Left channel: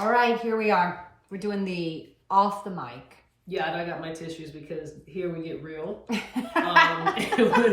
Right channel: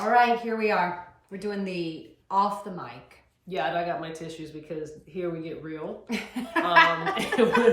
All right, here we are. We're doing the off the mic. Yeah, and I got my tissues because here we get real. When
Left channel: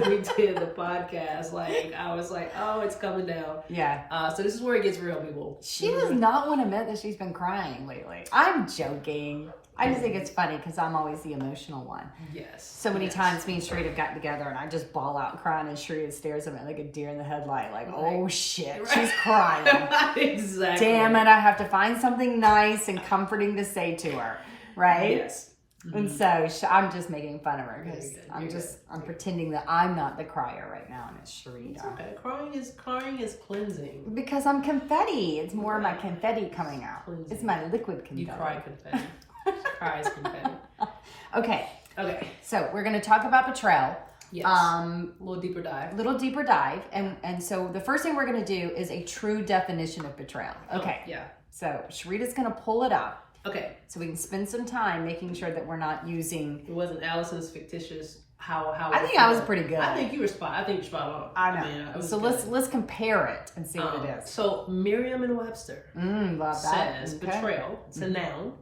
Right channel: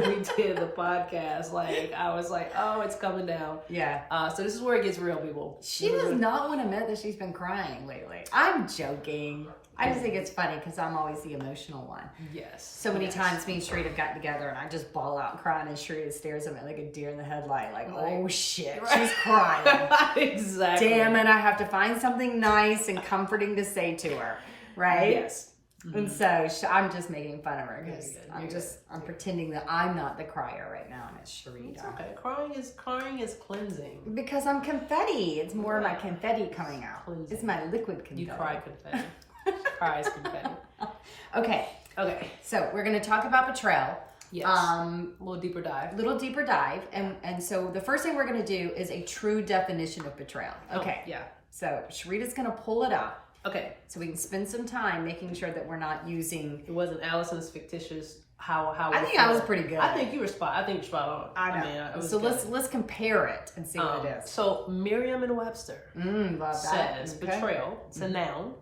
we did the podcast, like I was like, oh, it's coming down. Yeah. So this is where it gets real, people. She does not want to admit that she's been crying lately. I'm joking. I just think it's funny because I'm always the emotional one. Yes. So many times me and Sharita have gotten together and I just bawl out crying and Sharita stares at me like a deer in the headlight, like, oh shit, she's crying. Exactly. Damn it, I have to find something nice and comforting to say to her, right? Yes. And so I'm just making fun of her because I'm pretending that I'm not the crier right now and it's Sharita. It's okay. Crying is cleansing. Because I'm confetti. It's more of my confetti coming out. Cleansing. It's my liquid confetti. You cry confetti. Cries confetti. Okay. Okay. So we're going to talk about betrayal. Yes. A little deeper dive. And so the first thing we're going to do is a true definition of betrayal. Okay. Yeah. So Sharita's going to pull it up. Okay. So we can spend some time making sure that we're not using. It wasn't Allison's fictitious. How I think I was pretty good. I think you were spot. I think you're spot on. I know. So let's compare it and see what it is. So Merriam-Webster love that. says betrayal. It's a noun.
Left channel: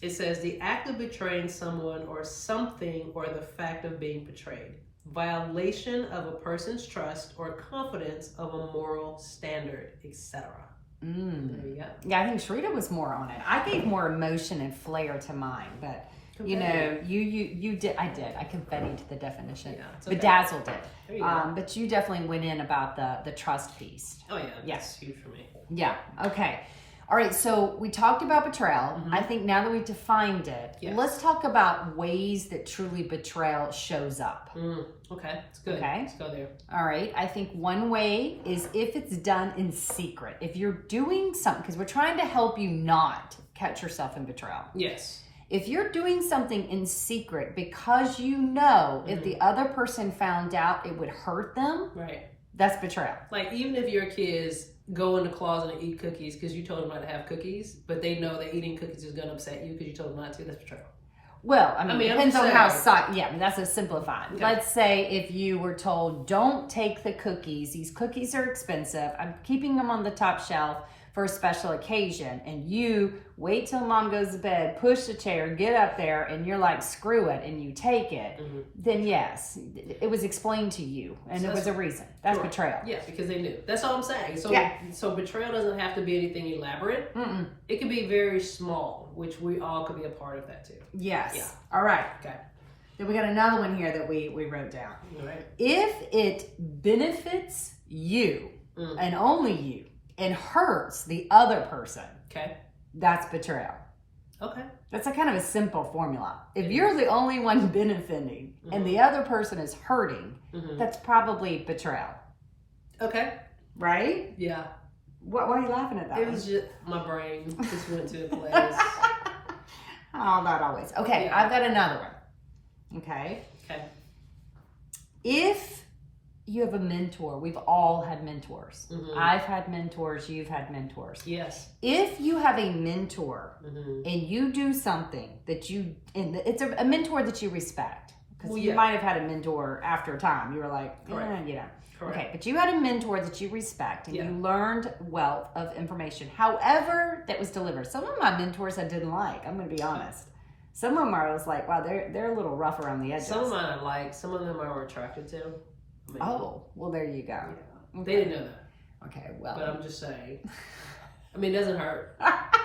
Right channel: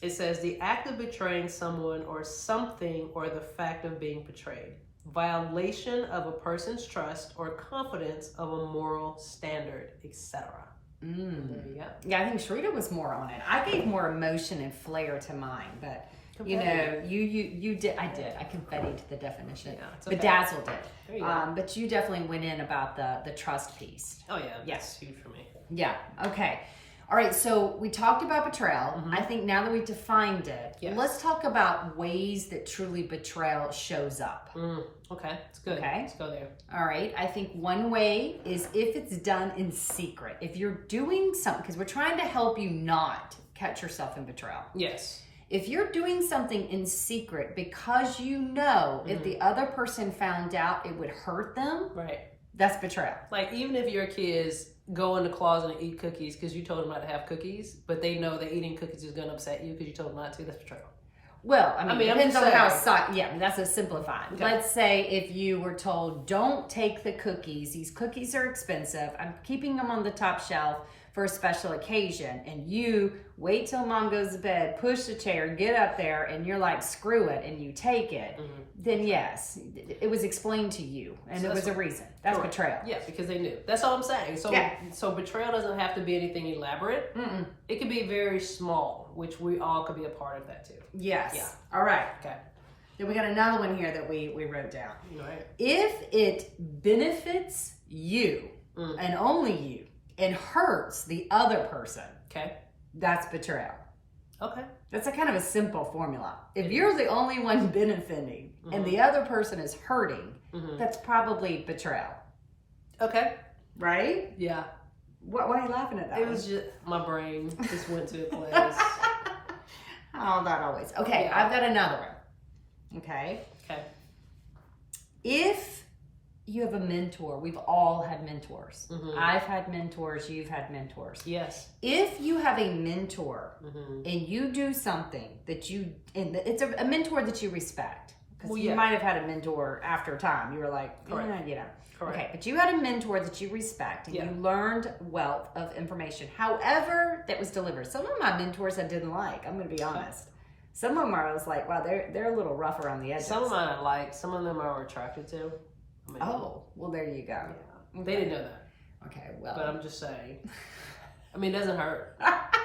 It says the act of betraying someone or something or the fact of being betrayed. Violation of a person's trust or confidence of a moral standard, etc. There you go. Yeah, I think Sharita was more on it. I gave more emotion and flair to mine, but you know, you did. I did. I confettied the definition. Yeah, okay. Bedazzled it. There you go. But you definitely went in about the trust piece. Oh yeah, that's huge for me. Yeah. Okay. All right. So we talked about betrayal. I think now that we've defined it, let's talk about ways that truly betrayal shows up. Okay, it's good. Okay. Let's go there. All right. I think one way is if it's done in secret. If you're doing something, because we're trying to help you not catch yourself in betrayal. Yes. If you're doing something in secret because you know if the other person found out it would hurt them, right? That's betrayal. Like even if your kids go in the closet and eat cookies because you told them not to have cookies, but they know that eating cookies is going to upset you because you told them not to, that's betrayal. Well, I mean it depends on how that's a simplified. Okay. Let's say if you were told, don't take the cookies. These cookies are expensive. I'm keeping them on the top shelf for a special occasion, and you wait till mom goes to bed, push the chair, get up there, and you're like, screw it, and you take it, then yes, it was explained to you, and so it was a reason. That's betrayal. Yeah, because they knew. That's all I'm saying. So, so betrayal doesn't have to be anything elaborate. It can be very small, which we all could be a part of that too. Yes. Yeah. All right. Okay. Then we got another one here that we wrote down. All right. If it benefits you, and only you, and hurts the other person, okay, that's betrayal. Okay. That's a kind of a simple formula. If you're the only one benefiting and the other person is hurting, that's probably betrayal. Okay. Right? Yeah. Why are you laughing at that? It was just my brain just went to a place. Oh, not always. Okay, I've got another one. Okay. Okay. If you have a mentor, we've all had mentors. I've had mentors, you've had mentors. Yes. If you have a mentor and you do something that it's a mentor that you respect, because you might have had a mentor after a time. You were like, you know. Correct. Okay, but you had a mentor that you respect and you learned wealth of information. However, that was delivered. Some of my mentors I didn't like. I'm going to be honest. Some of them I was like, wow, they're a little rough around the edges. Some of them I like. Some of them I were attracted to. Well, there you go. Yeah. Okay. They didn't know that. Okay, well. But I'm just saying. I mean, it doesn't hurt.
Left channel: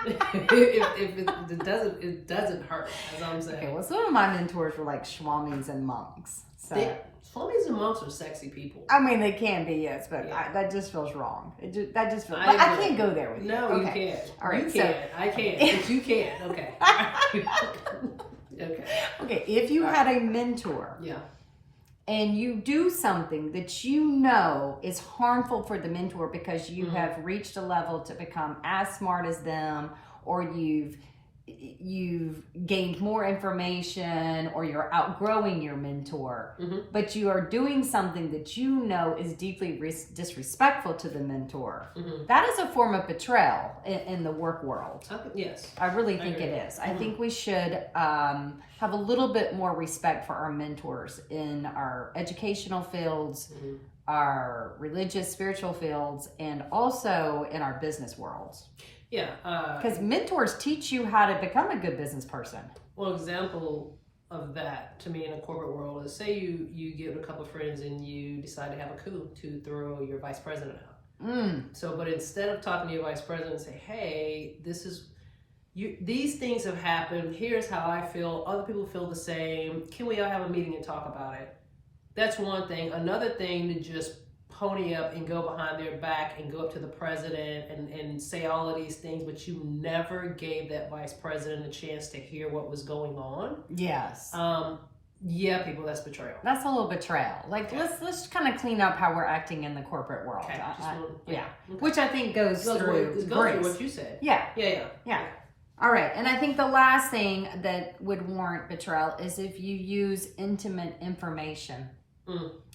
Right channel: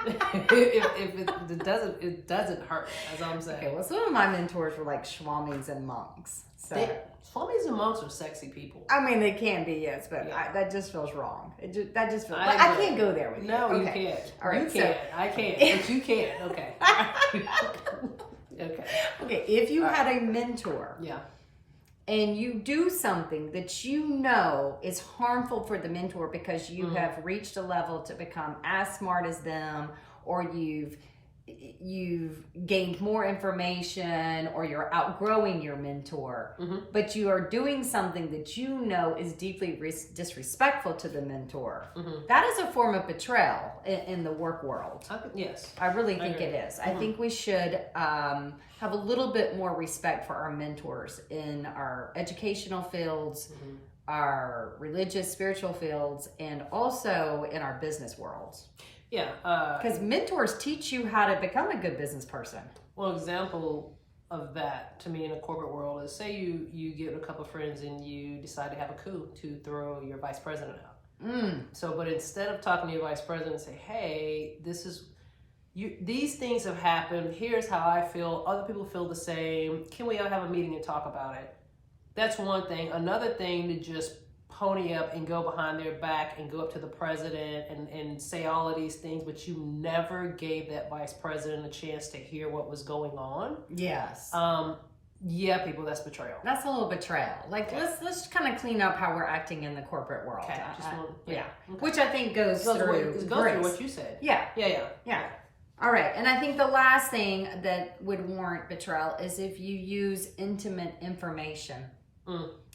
if it doesn't hurt, as I'm saying. Okay, well, some of my mentors were like swamis and monks. So swamis and monks are sexy people. I mean, they can be, yes, but that just feels wrong. That just feels. I can't go there with you. No, you can't. All right, you can't. I can't, but you can. Okay. Okay. If you had a mentor. And you do something that you know is harmful for the mentor because you have reached a level to become as smart as them, or you've gained more information, or you're outgrowing your mentor, but you are doing something that you know is deeply disrespectful to the mentor. That is a form of betrayal in the work world. Yes. I really think it is. I think we should have a little bit more respect for our mentors in our educational fields, our religious, spiritual fields, and also in our business worlds. Yeah. Because mentors teach you how to become a good business person. Well, example of that to me in the corporate world is, say you get with a couple of friends and you decide to have a coup to throw your vice president out. So, but instead of talking to your vice president and say, hey, these things have happened, here's how I feel, other people feel the same, can we all have a meeting and talk about it? That's one thing. Another thing, to just pony up and go behind their back and go up to the president and say all of these things, but you never gave that vice president a chance to hear what was going on. Yes. Yeah, people, that's betrayal. That's a little betrayal. Like, let's kind of clean up how we're acting in the corporate world. Okay, Okay. Which I think goes through grace. What you said. Yeah. Yeah. All right. And I think the last thing that would warrant betrayal is if you use intimate information.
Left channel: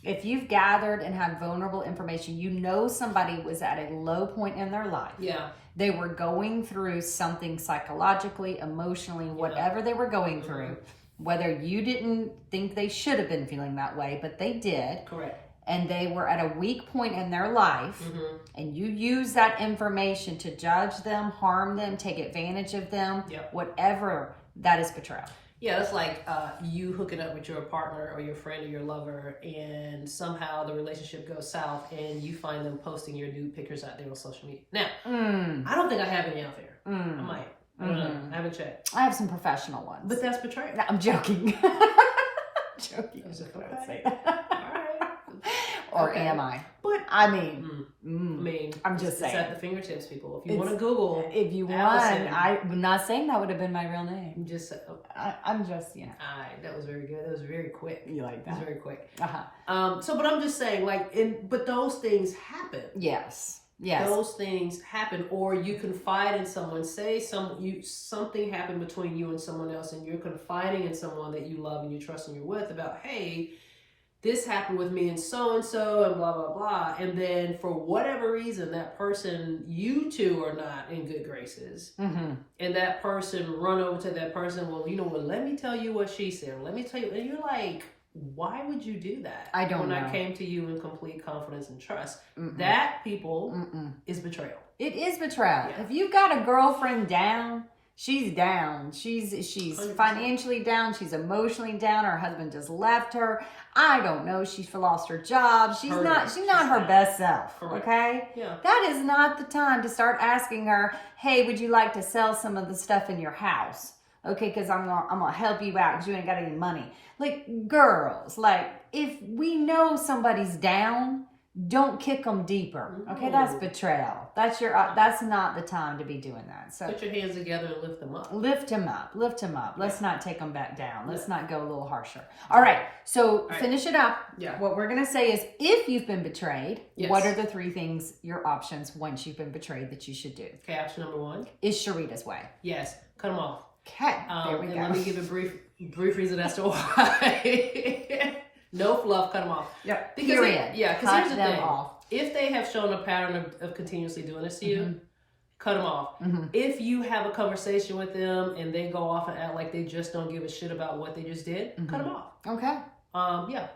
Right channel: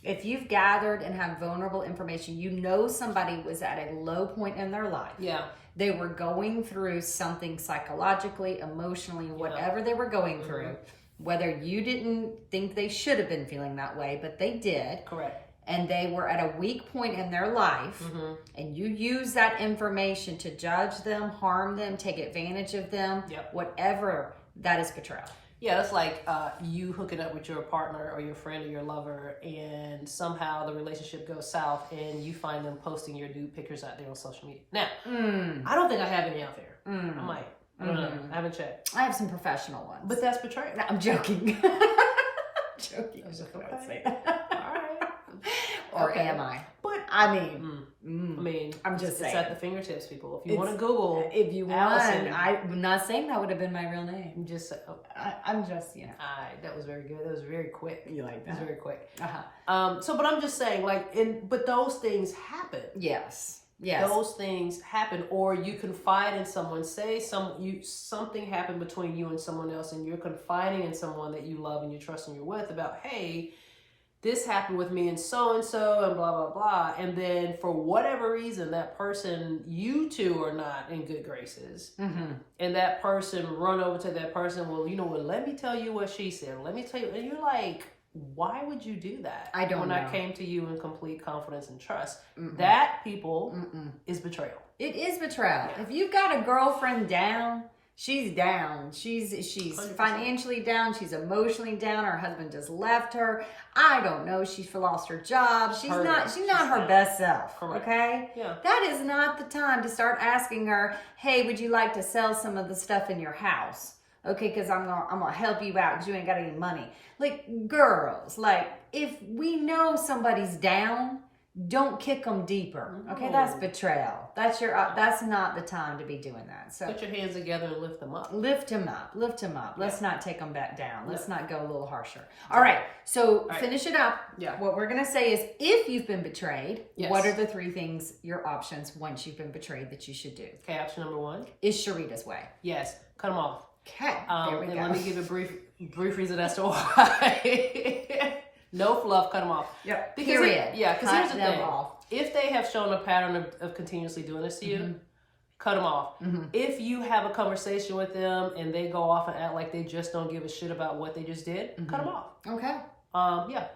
If you've gathered and have vulnerable information, you know somebody was at a low point in their life. Yeah. They were going through something psychologically, emotionally, whatever they were going through. Whether you didn't think they should have been feeling that way, but they did. Correct. And they were at a weak point in their life, and you use that information to judge them, harm them, take advantage of them, whatever, that is betrayal. Yeah, that's like you hooking up with your partner or your friend or your lover, and somehow the relationship goes south and you find them posting your nude pictures out there on social media. Now, I don't think I have any out there. I might. I don't know. I haven't checked. I have some professional ones. But that's betrayal. No, I'm joking. Joking. I was like, I okay. say that. All right. Or am I? But I mean, I'm just saying. It's at the fingertips, people. If you want to Google, if you want, I'm not saying that would have been my real name. Just I'm just, that was very good. That was very quick. You like that? It was very quick. But I'm just saying, but those things happen. Yes. Those things happen, or you confide in someone. Say something happened between you and someone else, and you're confiding in someone that you love and you trust and you're with about, hey, this happened with me and so and blah blah blah. And then for whatever reason, that person, you two are not in good graces, and that person run over to that person. Well, let me tell you what she said. Let me tell you, and you're like, why would you do that? I don't know. When I came to you in complete confidence and trust. That, people, is betrayal. It is betrayal. Yeah. If you've got a girlfriend down, she's down. She's 100%. Financially down. She's emotionally down. Her husband just left her. I don't know. She's lost her job. She's not her best self. Correct. Okay? Yeah. That is not the time to start asking her, hey, would you like to sell some of the stuff in your house? Okay, because I'm gonna help you out because you ain't got any money. Like, girls, if we know somebody's down, don't kick them deeper. Okay, that's betrayal. That's not the time to be doing that. So put your hands together and lift them up. Lift them up. Let's not take them back down. Let's not go a little harsher. All right. So finish it up. Yeah. What we're gonna say is, if you've been betrayed, what are the 3 things, your options, once you've been betrayed, that you should do? Okay. Option number 1 is Sharita's way. Yes. Cut them off. Okay. There we go. Let me give a brief reason as to why. No fluff, cut them off. Yep. Period. Because here's the thing. Off. If they have shown a pattern of continuously doing this to you, cut them off. If you have a conversation with them and they go off and act like they just don't give a shit about what they just did, cut them off. Okay.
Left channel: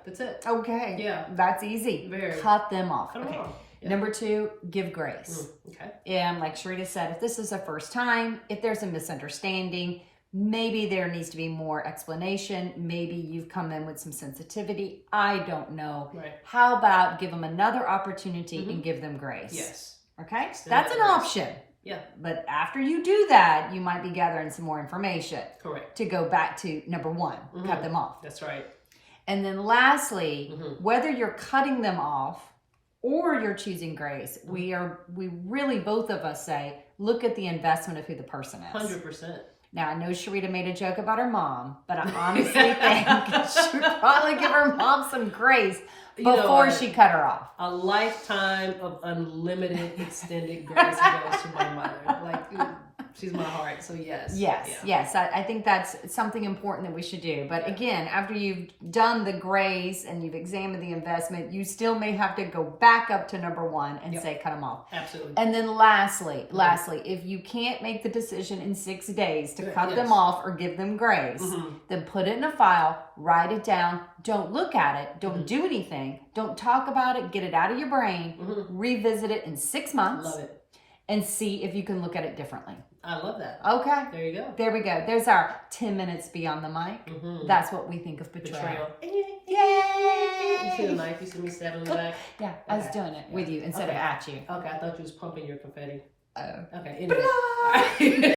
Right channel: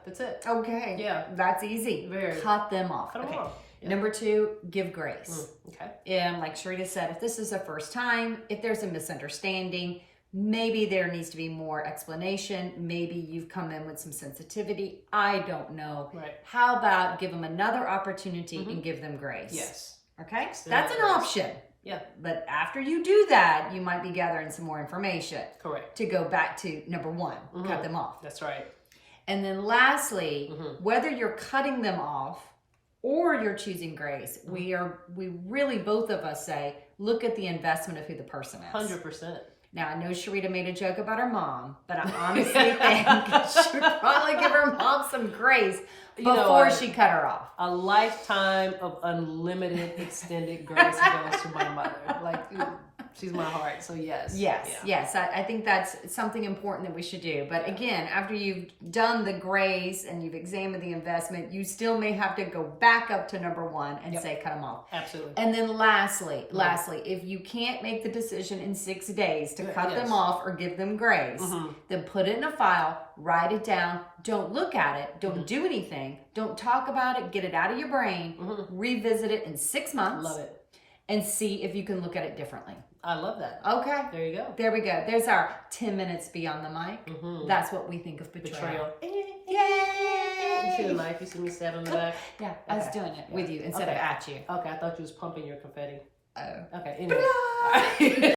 That's it. Okay. Yeah. That's easy. Cut them off. Cut them off. Yeah. Number 2, give grace. Okay. And like Sharita said, if this is the first time, if there's a misunderstanding, maybe there needs to be more explanation. Maybe you've come in with some sensitivity. I don't know. Right. How about give them another opportunity and give them grace? Yes. Okay? That's an option. Yeah. But after you do that, you might be gathering some more information. Correct. To go back to number 1, cut them off. That's right. And then lastly, whether you're cutting them off or you're choosing grace, we really, both of us say, look at the investment of who the person is. 100%. Now, I know Sharita made a joke about her mom, but I honestly think she should probably give her mom some grace before she cut her off. A lifetime of unlimited extended grace goes to my mother. She's my heart, so yes. Yes. I think that's something important that we should do. But again, after you've done the grace and you've examined the investment, you still may have to go back up to number 1 and say, cut them off. Absolutely. And then lastly, if you can't make the decision in 6 days to cut them off or give them grace, then put it in a file, write it down, don't look at it, don't do anything, don't talk about it, get it out of your brain, revisit it in 6 months. Love it. and see if you can look at it differently. I love that. Okay. There you go. There we go. There's our 10 minutes beyond the mic. That's what we think of betrayal. Yay! You see the mic? You see me stabbing the back? Yeah, I was doing it with you instead of at you. Okay, I thought you was pumping your confetti. Oh. Okay, anyway.